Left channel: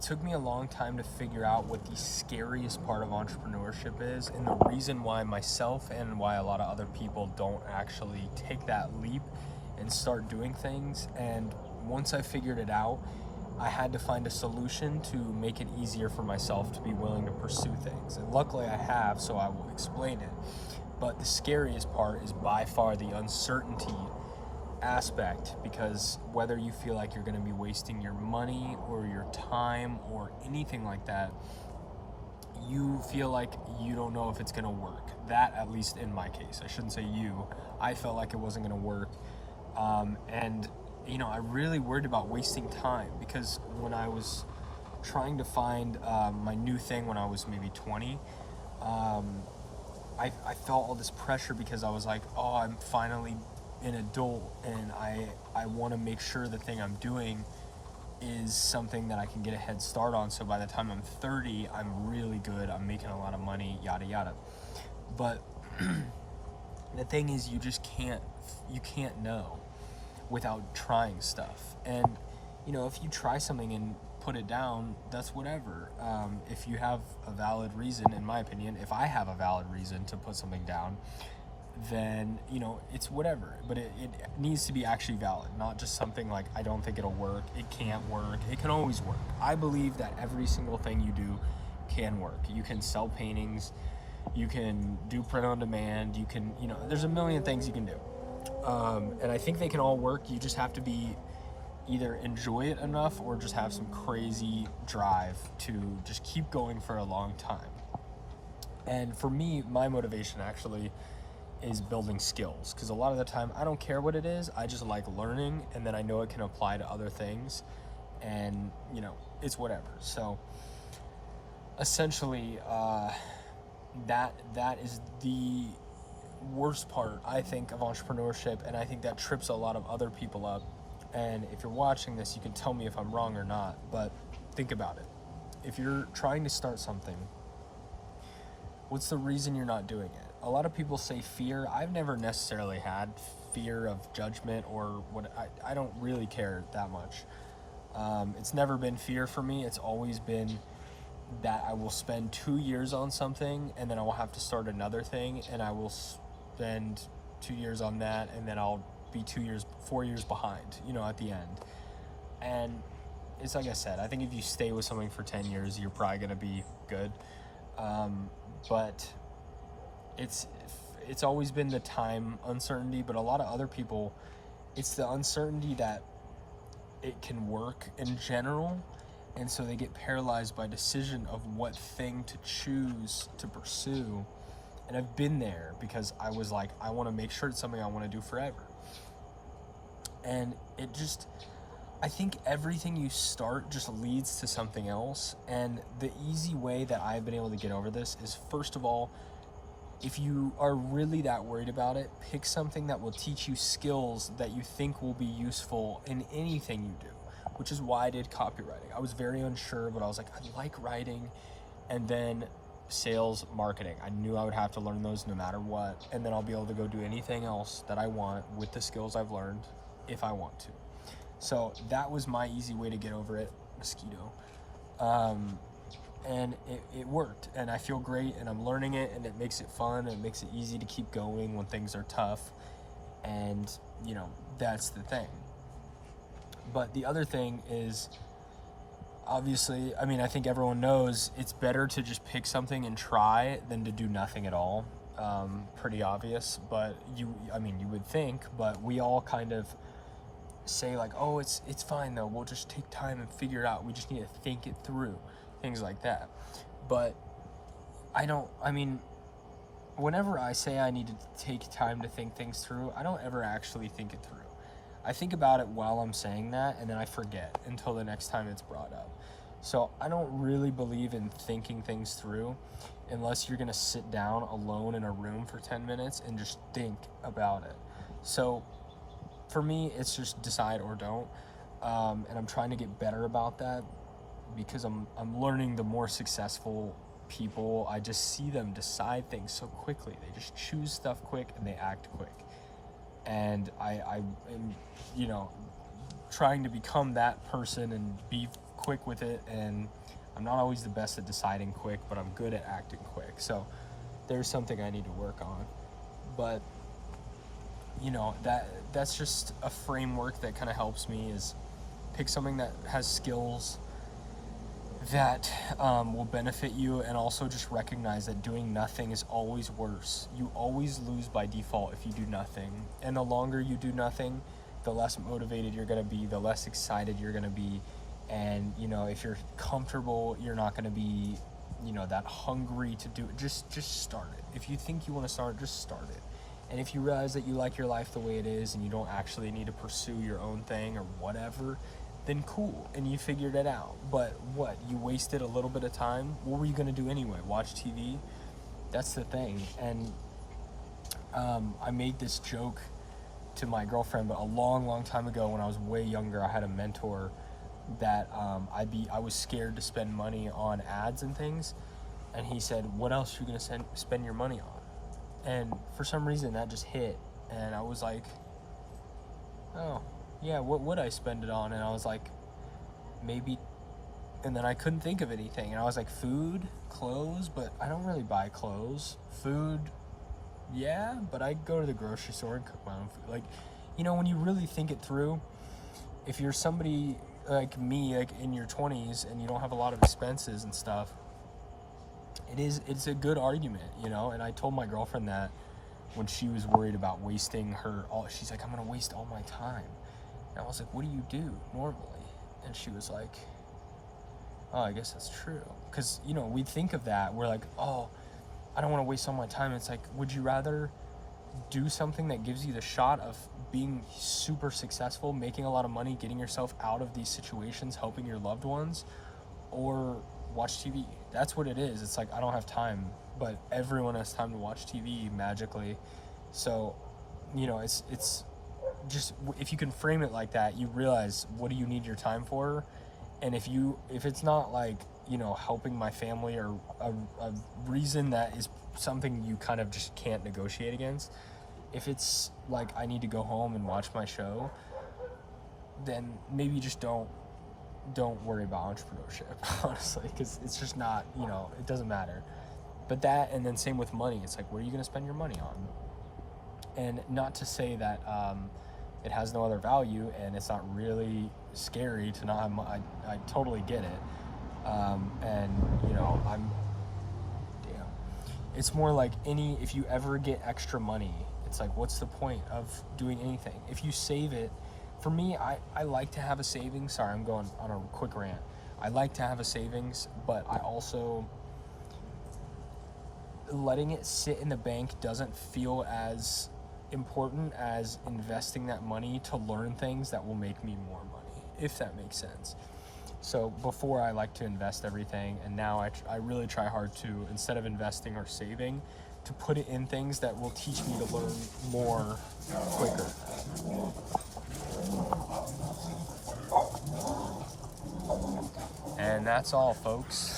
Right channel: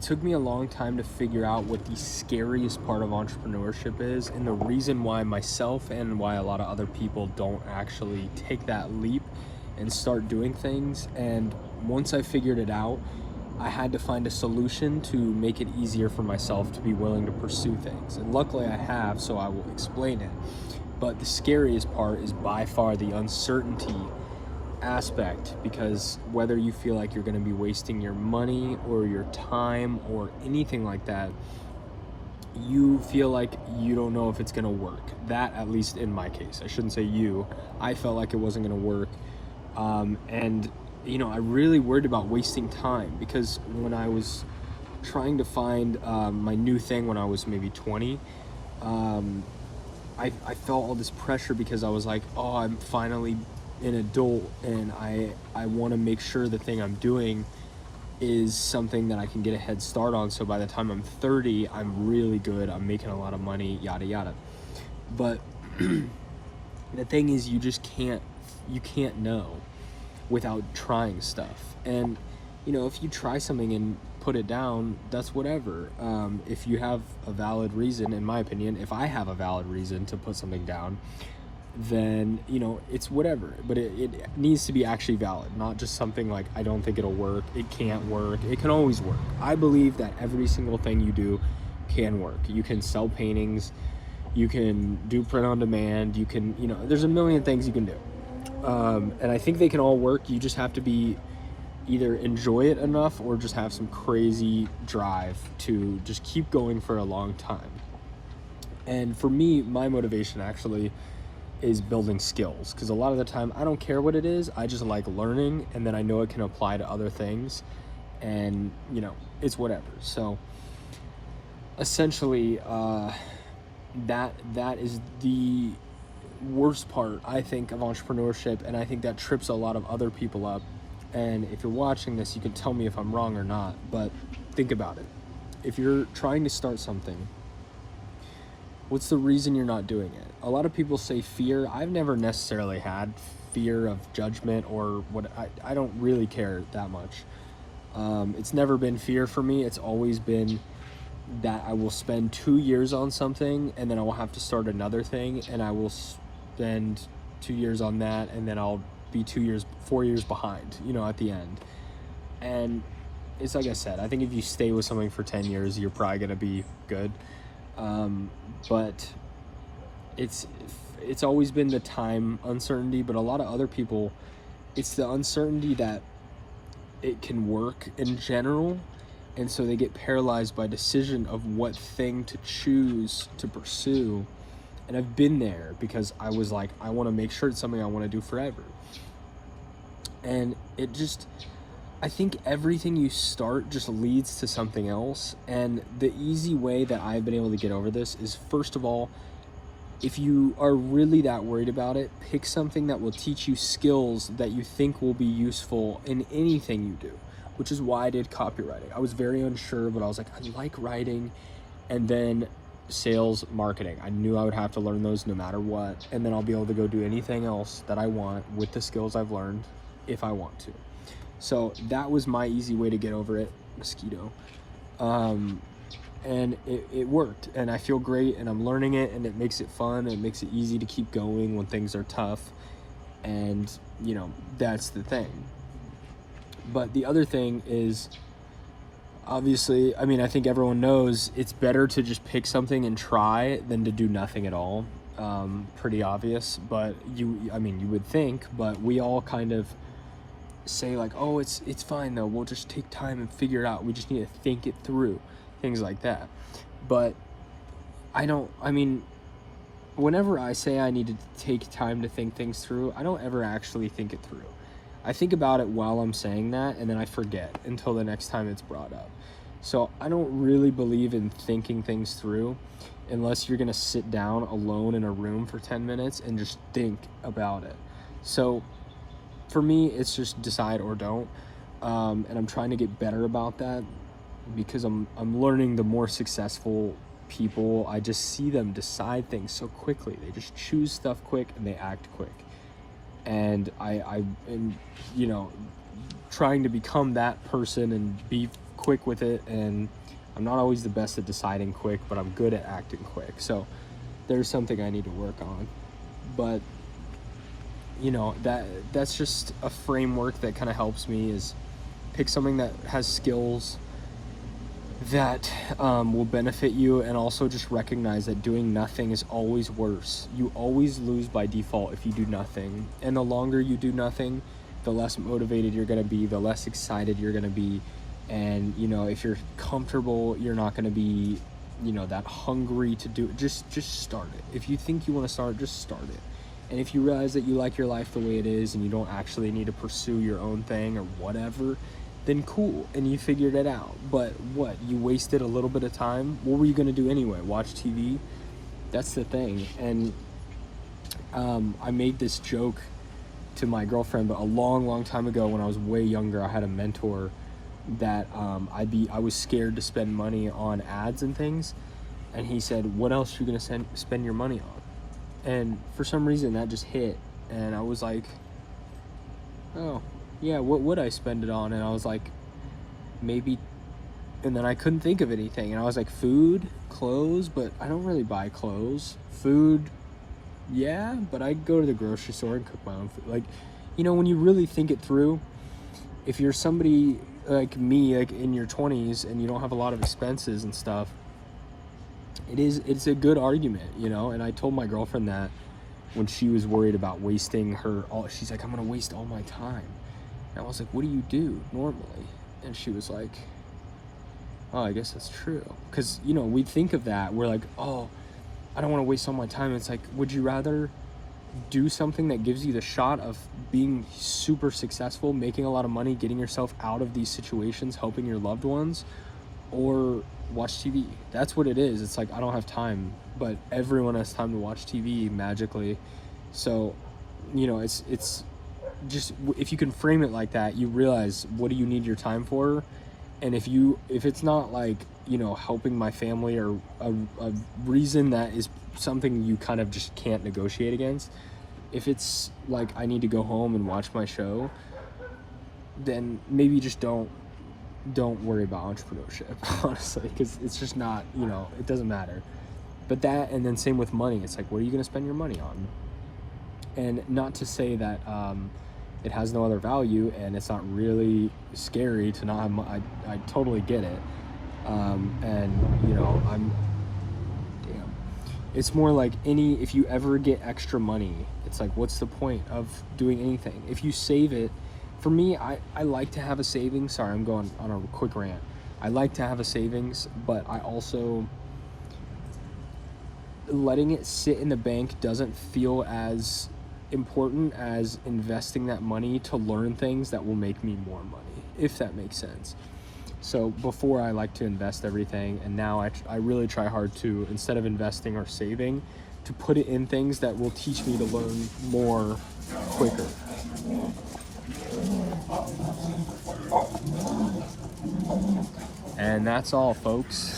it took me a long time to figure out what the scariest part of entrepreneurship is, and the reason why myself and why a lot of other people don't actually take that leap and start doing things. And once I figured it out, I had to find a solution to make it easier for myself to be willing to pursue things. And luckily I have, so I will explain it. But the scariest part is by far the uncertainty aspect, because whether you feel like you're going to be wasting your money or your time or anything like that, you feel like you don't know if it's going to work. That, at least in my case, I shouldn't say you, I felt like it wasn't going to work. And you know, I really worried about wasting time, because when I was trying to find my new thing when I was maybe 20, I felt all this pressure because I was like, oh, I'm finally an adult, and I want to make sure the thing I'm doing is something that I can get a head start on, so by the time I'm 30, I'm really good, I'm making a lot of money, yada yada. But the thing is, you can't know without trying stuff. And you know, if you try something and put it down, that's whatever. If you have a valid reason, in my opinion, if I have a valid reason to put something down, then you know, it's whatever. But it needs to be actually valid, not just something like, I don't think it'll work, it can't work. It can always work. I believe that every single thing you do can work. You can sell paintings, you can do print on demand, you can, you know, there's a million things you can do. And I think they can all work. You just have to be either enjoy it enough or just have some crazy drive to just keep going for a long time. And for me, my motivation actually is building skills, because a lot of the time I don't care what it is, I just like learning, and then I know it can apply to other things, and you know, it's whatever. So essentially that is the worst part, I think, of entrepreneurship, and I think that trips a lot of other people up. And if you're watching this, you can tell me if I'm wrong or not, but think about it. If you're trying to start something, what's the reason you're not doing it? A lot of people say fear. I've never necessarily had fear of judgment or what. I don't really care that much. It's never been fear for me. It's always been that I will spend 2 years on something, and then I will have to start another thing, and I will spend 2 years on that, and then I'll be 4 years behind, you know, at the end. And it's like I said, I think if you stay with something for 10 years, you're probably going to be good. But it's always been the time uncertainty, but a lot of other people, it's the uncertainty that it can work in general, and so they get paralyzed by decision of what thing to choose to pursue. And I've been there, because I was like, I want to make sure it's something I want to do forever. And it just, I think everything you start just leads to something else. And the easy way that I've been able to get over this is, first of all, if you are really that worried about it, pick something that will teach you skills that you think will be useful in anything you do, which is why I did copywriting. I was very unsure, but I was like, I like writing. And then sales, marketing, I knew I would have to learn those no matter what, and then I'll be able to go do anything else that I want with the skills I've learned if I want to. So that was my easy way to get over it. Mosquito. And it worked, and I feel great, and I'm learning it, and it makes it fun, and it makes it easy to keep going when things are tough. And you know, that's the thing. But the other thing is, obviously, I mean, I think everyone knows it's better to just pick something and try than to do nothing at all. Pretty obvious, but you would think, but we all kind of say like, oh, it's fine though, we'll just take time and figure it out, we just need to think it through, things like that. But whenever I say I need to take time to think things through, I don't ever actually think it through. I think about it while I'm saying that, and then I forget until the next time it's brought up. So I don't really believe in thinking things through unless you're gonna sit down alone in a room for 10 minutes and just think about it. So for me, it's just decide or don't. And I'm trying to get better about that, because I'm learning the more successful people, I just see them decide things so quickly. They just choose stuff quick and they act quick. And I am, you know, trying to become that person and be quick with it, and I'm not always the best at deciding quick, but I'm good at acting quick. So there's something I need to work on. But you know, that's just a framework that kind of helps me, is pick something that has skills that will benefit you, and also just recognize that doing nothing is always worse. You always lose by default if you do nothing, and the longer you do nothing, the less motivated you're going to be, the less excited you're going to be. And you know, if you're comfortable, you're not going to be, you know, that hungry to do it. Just start it. If you think you want to start, just start it. And if you realize that you like your life the way it is and you don't actually need to pursue your own thing or whatever, then cool, and you figured it out. But what, you wasted a little bit of time? What were you going to do anyway? Watch TV? That's the thing. And I made this joke to my girlfriend, but a long time ago, when I was way younger, I had a mentor that I was scared to spend money on ads and things, and he said, what else are you going to spend your money on? And for some reason that just hit, and I was like, oh yeah, what would I spend it on? And I was like, maybe, and then I couldn't think of anything, and I was like, food, clothes, but I don't really buy clothes. Food, yeah, but I go to the grocery store and cook my own food. Like, you know, when you really think it through, if you're somebody like me, like in your 20s, and you don't have a lot of expenses and stuff, it's a good argument, you know. And I told my girlfriend that when she was worried about wasting she's like, I'm gonna waste all my time. And I was like, what do you do normally? And she was like, oh, I guess that's true. Because, you know, we think of that, we're like, oh, I don't want to waste all my time. It's like, would you rather do something that gives you the shot of being super successful, making a lot of money, getting yourself out of these situations, helping your loved ones, or watch TV? That's what it is. It's like, I don't have time, but everyone has time to watch TV magically. So, you know, it's just, if you can frame it like that, you realize, what do you need your time for? And if it's not like, you know, helping my family, or a reason that is something you kind of just can't negotiate against, if it's like, I need to go home and watch my show, then maybe just don't worry about entrepreneurship, honestly, because it's just not, you know, it doesn't matter. But that, and then same with money, it's like, what are you going to spend your money on? And not to say that it has no other value, and it's not really scary to not have I totally get it. And, you know, it's more like if you ever get extra money, it's like, what's the point of doing anything? If you save it, for me, I like to have a savings. Sorry, I'm going on a quick rant. I like to have a savings, but I also, letting it sit in the bank doesn't feel as important as investing that money to learn things that will make me more money, if that makes sense. So before, I like to invest everything, and now I really try hard to, instead of investing or saving, to put it in things that will teach me to learn more quicker. And that's all, folks.